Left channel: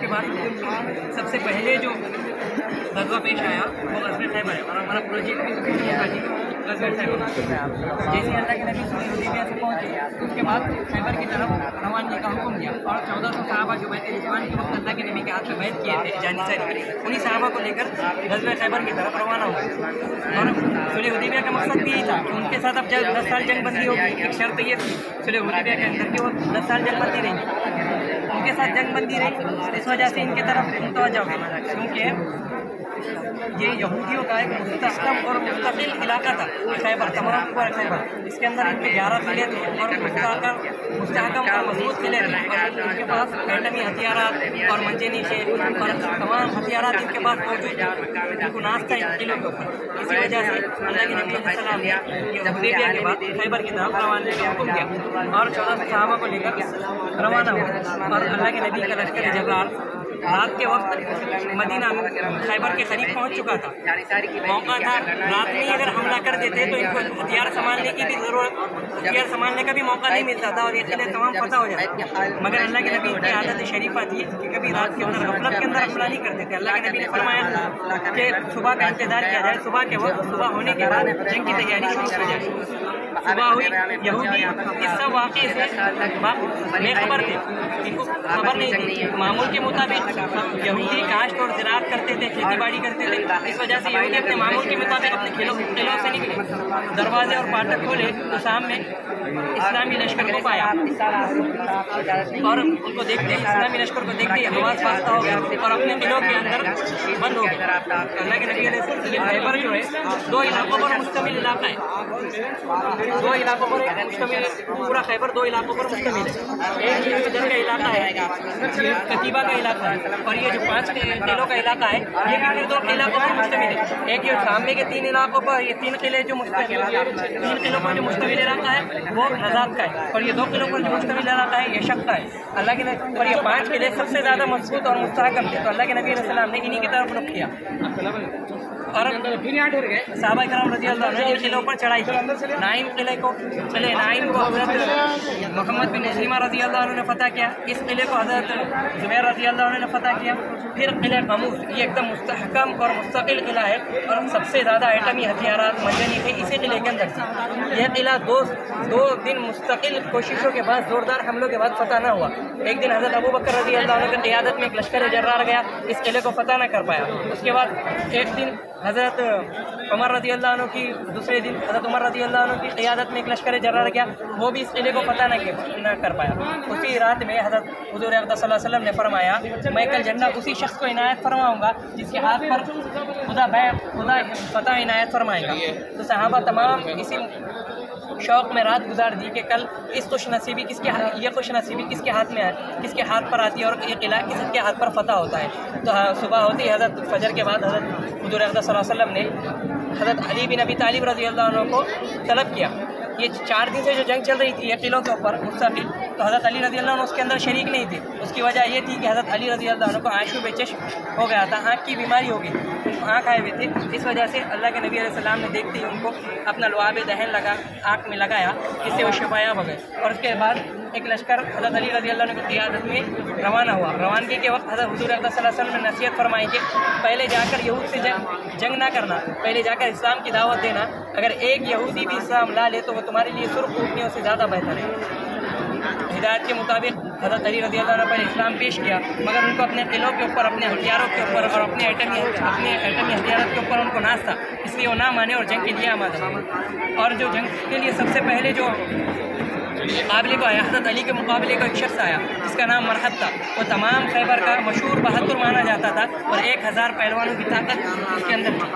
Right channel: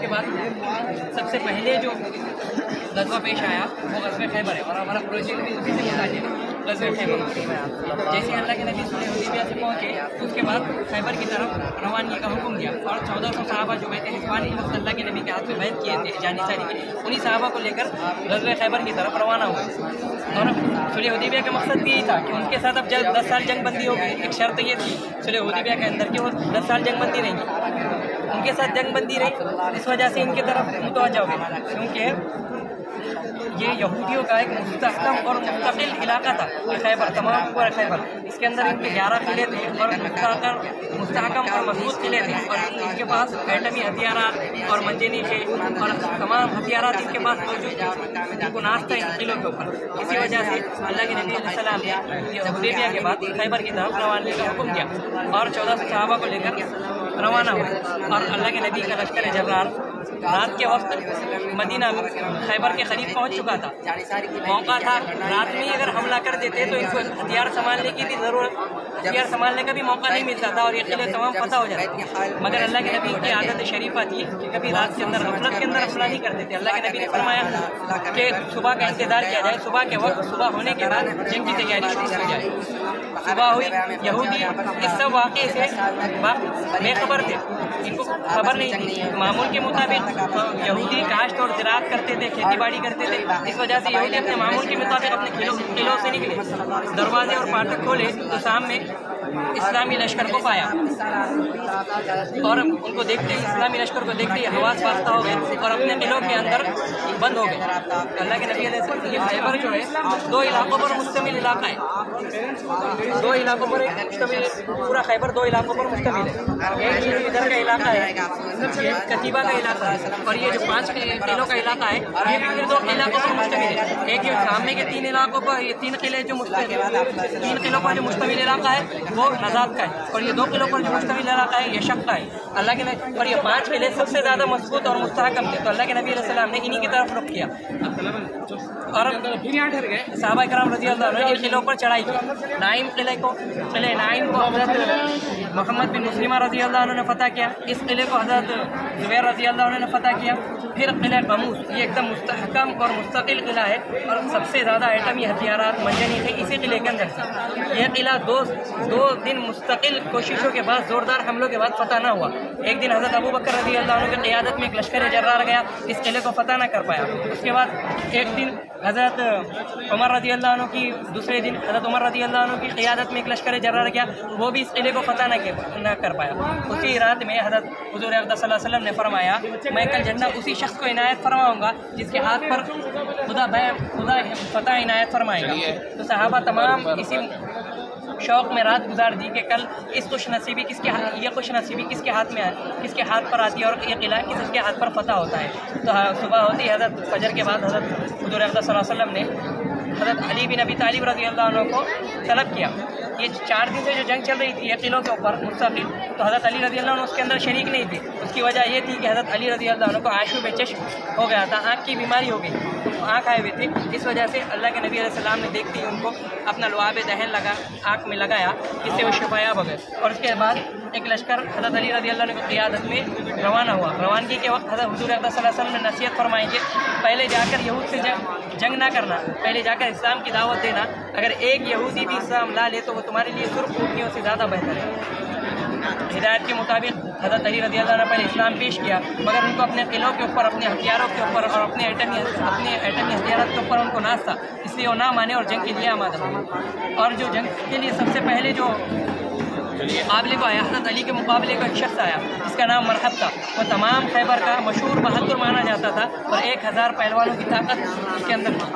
کے بعد سب سے پہلے جو غزوہ پیش آیا وہ غزوہ خیبر ہے، اور ہمارا پروجیکٹ بھی اسی سے متعلق غزوہ خیبر۔ جیسے اللہ کے نبی صلی اللہ علیہ وسلم سے پہنچے تو اس کے بعد خیبر کی طرف روانگی کا حکم دیا، اور 1400 صحابہ جو بیت رضوان اس وقت اللہ کے نبی کے ہاتھ میں بیعت کیے تھے جانصاری کے، انہیں صحابہ کو لے کر غزوہ خیبر کی طرف روانہ ہوئے۔ اور صلح حدیبیہ کا مقصد بھی یہی تھا کہ ان کے ساتھ اب 10 سال جنگ بندی ہوگی۔ ایک شرط یہ تھی صلح حدیبیہ کے اندر کہ وہ 10 سال جنگ بندی رہیں گی، ان کے ساتھ جنگ بندی رہی، اس وجہ سے ان کی طرف متوجہ ہوئے، کیونکہ یہ یہودیوں کا ایک مستحکم اور مستقل علاقہ تھا خیبر، تمام پورا خیبر۔ اس کے اندر ان کے 11 قلعے تھے اور مستحکم اور مضبوط قلعے تھے، اور ان کے پاس ایٹمی ہتھیارات اور منجنیقیں اور تمام ہتھیارات ان کے پاس موجود تھے، ان کو ناز تھا ان قلعوں کے اوپر۔ اسی وجہ سے اللہ کے نبی علیہ السلام نے یہ حدیبیہ کے بعد خیبر کی طرف روانگی کا حکم دیا، اور 1400 صحابہ کو لے کر روانہ ہوا۔ اور اللہ کے نبی کا لشکر جرار رات کے وقت مدینہ خیبر کے قریب پہنچ چکا تھا، موقع تھا رات میں ہی اگر حملہ کر دیتے تو ان کو ہتھیار سنبھالنے کی بھی ضرورت، ہتھیار سنبھالنے کا بھی موقع نہیں ملتا تھا، اور یہ قلعے تمام فتح ہو جاتے۔ مگر اللہ کے نبی کی عادت شریفہ تھی کہ کبھی رات کے اندر غفلت کے اندر حملہ نہیں کرتے تھے۔ اللہ کے نبی نے فرمایا کہ صبح کا انتظار کیا جائے، صبح کے وقت صبح ہونے کے بعد جنگ کی تیاری شروع کی جائے۔ صبح ہوئی، یہودی اس سب واقعے سے بے خبر تھے، ان کو خبر نہیں تھی۔ معمول کے مطابق یہودی کاشت اور زراعت کرتے تھے، کھیتی باڑی کرتے تھے، اس وجہ سے یہودی اپنے معمول کے مطابق اپنے قلعوں سے نکلے، دروازے اور فاٹک کھولے تو سامنے اسلامی لشکر کو پایا، اور ان کو دیکھتے ہی اسلامی لشکر کو دیکھتے ہی حواس باختہ ہو گئے اور اپنے قلعوں کے اندر بند ہو گئے۔ اللہ کے نبی علیہ السلام یہ خیبر جو ہے 2 علاقوں پر مشتمل علاقہ ہے، 2 علاقوں پر مشتمل، پورا خیبر 2 علاقوں پر مشتمل ہے۔ ایک یہ ادھر کا علاقہ ہے، یہ کتیبہ کا علاقہ ہے، اور یہ جو 5 قلعوں کا علاقہ ہے یہ بھی 2 علاقوں پر مشتمل ہے۔ ایک جو سامنے کے 3 علاقوں پر، یہ 3 قلعے جو 3 قلعوں پر جو مشتمل علاقہ ہے وہ نزاد کا ہے، اور یہ 2 قلعوں پر جو مشتمل علاقہ ہے یہ شق کا ہے۔ اللہ کے نبی اور یہ 5 قلعے سب سے زیادہ مضبوط اور مستحکم تھے، تو اللہ کے نبی علیہ السلام نے انہی کی طرف رخ کیا، اور صحابہ کرام رضی اللہ عنہ ان قلعوں پر چڑھائی کی۔ نائم قلعے کو، قلعہ نائم کو حضرت محمد بن مسلمہ رضی اللہ عنہ نے فتح کیا، اس قلعے کو حضرت زبیر رضی اللہ عنہ نے فتح کیا۔ پھر قلعہ قموس، یہ ایک دم مستحکم اور مستقل قلعہ ہے، اور سب سے زیادہ ایٹمی ہتھیارات منجنیقیں اسی قلعے کے اندر تھی۔ یہ قلعہ 2 دن مستقل کوششوں کے بعد، زوردار حملوں کے بعد فتح نہ ہوا۔ ایک دن حضرت ابو بکر رضی اللہ عنہ کی قیادت میں ایک لشکر جرار گیا، اس قلعے کو فتح نہ کر پایا۔ اس کے بعد ایک دن حضرت عمر رضی اللہ عنہ کی، دوسرے دن حضرت عمر رضی اللہ عنہ کی قیادت میں ایک لشکر جرار گیا، وہ بھی اس قلعے کو فتح نہ کر پایا۔ اسی رات میں حضرت حضور اقدس صلی اللہ علیہ وسلم نے فرمایا میں کل جنت اسی شخص کو عنایت فرماؤں گا جس کے ہاتھ پر خدا فتح عنایت فرمائے گا۔ تو صحابہ تمام اسی شوق میں رات گزار دی کہ کل یہ خوش نصیبی کس کے ہاتھ میں ہے، کس کے ہاتھ پر آتی ہے، اور یہ قلعہ کس کے ہاتھ پر فتح ہوتا ہے۔ تو صبح ہوتی ہے، حضرت فجر کے بعد حضرت حضور اقدس صلی اللہ علیہ وسلم نے حضرت علی بن ابی طالب رضی اللہ عنہ کو طلب کیا۔ یہ 4 دن سے جو جنگ چل رہی تھی یہ قلعوں کے اوپر مستقل، تو حضرت علی رضی اللہ عنہ اس کے اندر شریک نہیں تھے۔ اس کی وجہ یہ تھی کہ حضرت علی رضی اللہ عنہ کو آشوب چشم ہو گیا تھا، آنکھ کی بیماری ہو گئی، آنکھ آئے ہوئے تھے۔ اس وجہ سے اللہ کے نبی علیہ السلام نے دیکھتے ہی ان کو اپنا لعاب دہن آنکھ میں لگایا، جس سے وہ شفایاب ہو گئے۔ اور اس کے بعد ایک لشکر حضرت علی رضی اللہ عنہ کی قیادت میں روانہ ہوا۔ روانگی کے وقت حضرت حضور اقدس صلی اللہ علیہ وسلم نے نصیحت فرمائی کہ پہلے جا کر یہود سے جنگ نہ کرنا، پہلے جا کر اسلام کی دعوت دینا، اگر ایک یہودی بھی اسلام لا لے تو وہ تمہارے لیے سرخ اونٹنیوں سے زیادہ بہتر ہے۔ ہدایت کے مطابق حضرت علی رضی اللہ عنہ پر اسلام پیش کیا، مگر ان کو اپنے قلعوں کے اوپر، اپنے ہتھیاروں کے اوپر اور اپنے ایٹمی ہتھیارات کے اوپر ان کو ناز تھا، اس لیے وہ نہ مانے اور جنگ کے لیے آمادہ ہوئے۔ اور جو جنگ کے لیے سب سے پہلے جو مقابلے کو آیا، حضرت علی کے مقابلے کو ایک شخص آیا جس کا نام مرحب تھا، وہ تمام خیبر کا مشہور بہادر مانا جاتا تھا، اور 1000 پہلوانوں کی طاقت اس کے اندر تھی،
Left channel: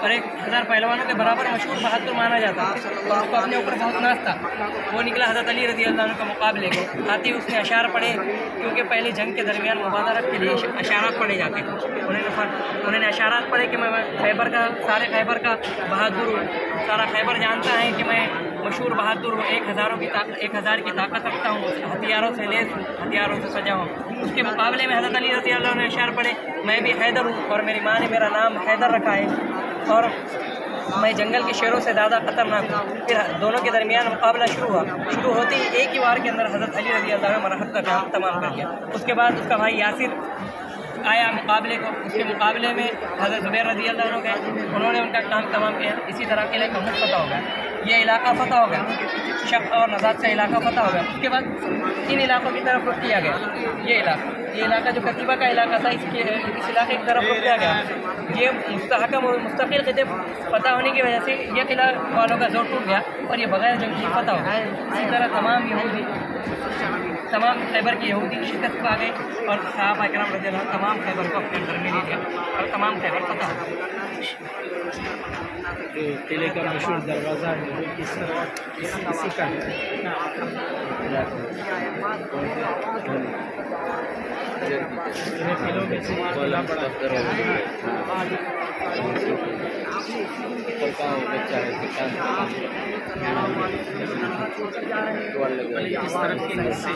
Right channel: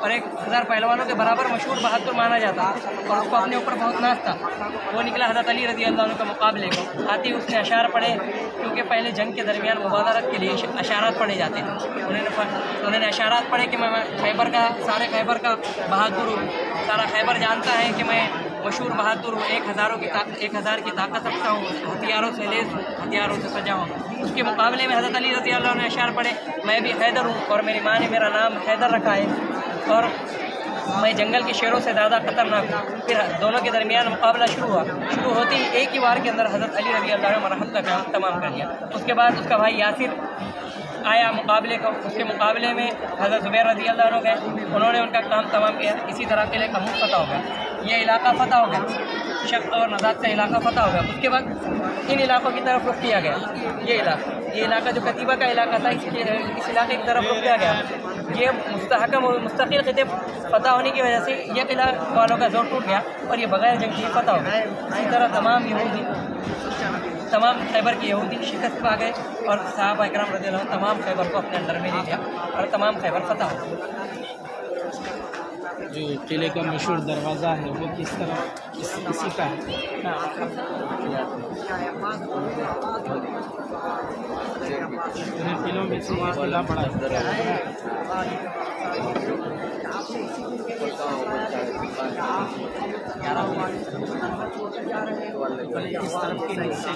اور 1000 پہلوانوں کے برابر مشہور بہادر مانا جاتا تھا، اور اس کو اپنے اوپر بہت ناز تھا۔ وہ نکلا حضرت علی رضی اللہ عنہ کے مقابلے کو، آتی اس نے اشعار پڑھے، کیونکہ پہلے جنگ کے درمیان مبادرت کے لیے اشعارات پڑھے جاتے تھے۔ انہوں نے اشعارات پڑھے کہ میں سارے خیبر کا بہادر ہوں، سارا خیبر جانتا ہے کہ میں مشہور بہادر ہوں، 1000 کی طاقت رکھتا ہوں، ہتھیاروں سے لیس ہوں، ہتھیاروں سے سجا ہوں۔ اس کے مقابلے میں حضرت علی رضی اللہ عنہ نے اشعار پڑھے، میں بھی حیدر ہوں اور میری ماں نے میرا نام حیدر رکھا ہے، اور میں جنگل کے شیروں سے زیادہ خطرناک ہوں۔ پھر دونوں کے درمیان مقابلہ شروع ہوا، شروع ہوتے ہی ایک ہی وار کے اندر حضرت علی رضی اللہ عنہ مرحب کا کام تمام کر دیا۔ اس کے بعد اس کا بھائی یاسر آیا مقابلے کو، اس کے مقابلے میں حضرت زبیر رضی اللہ عنہ گئے، انہوں نے ان کا کام تمام کیا. اسی طرح قلعہ کموت فتح ہو گیا، یہ علاقہ فتح ہو گیا، شق اور نزاد کا علاقہ فتح ہو گیا. اس کے بعد ان علاقوں کی طرف رخ کیا گیا. یہ علاقہ جو کتیبہ کا علاقہ تھا، اس علاقے کی طرف رخ کیا گیا. یہ مستحکم اور مستقل خطے فتح ہونے کی وجہ سے یہ قلعہ والوں کا زور ٹوٹ گیا اور یہ بغیر جنگ کی فتح ہو گیا. اسی طرح تمام خیبر کے یہودی شکست پا گئے اور صحابہ اکرام رضی اللہ عنہ تمام خیبر کو اپنے اندر میں لے لیا اور تمام خیبر فتح ہو گئے. جو قلعے کا مشہور دروازہ ہے وہ کس طرح اسی کا قلعوں میں سے قلعہ پڑا کس طرف کے حصے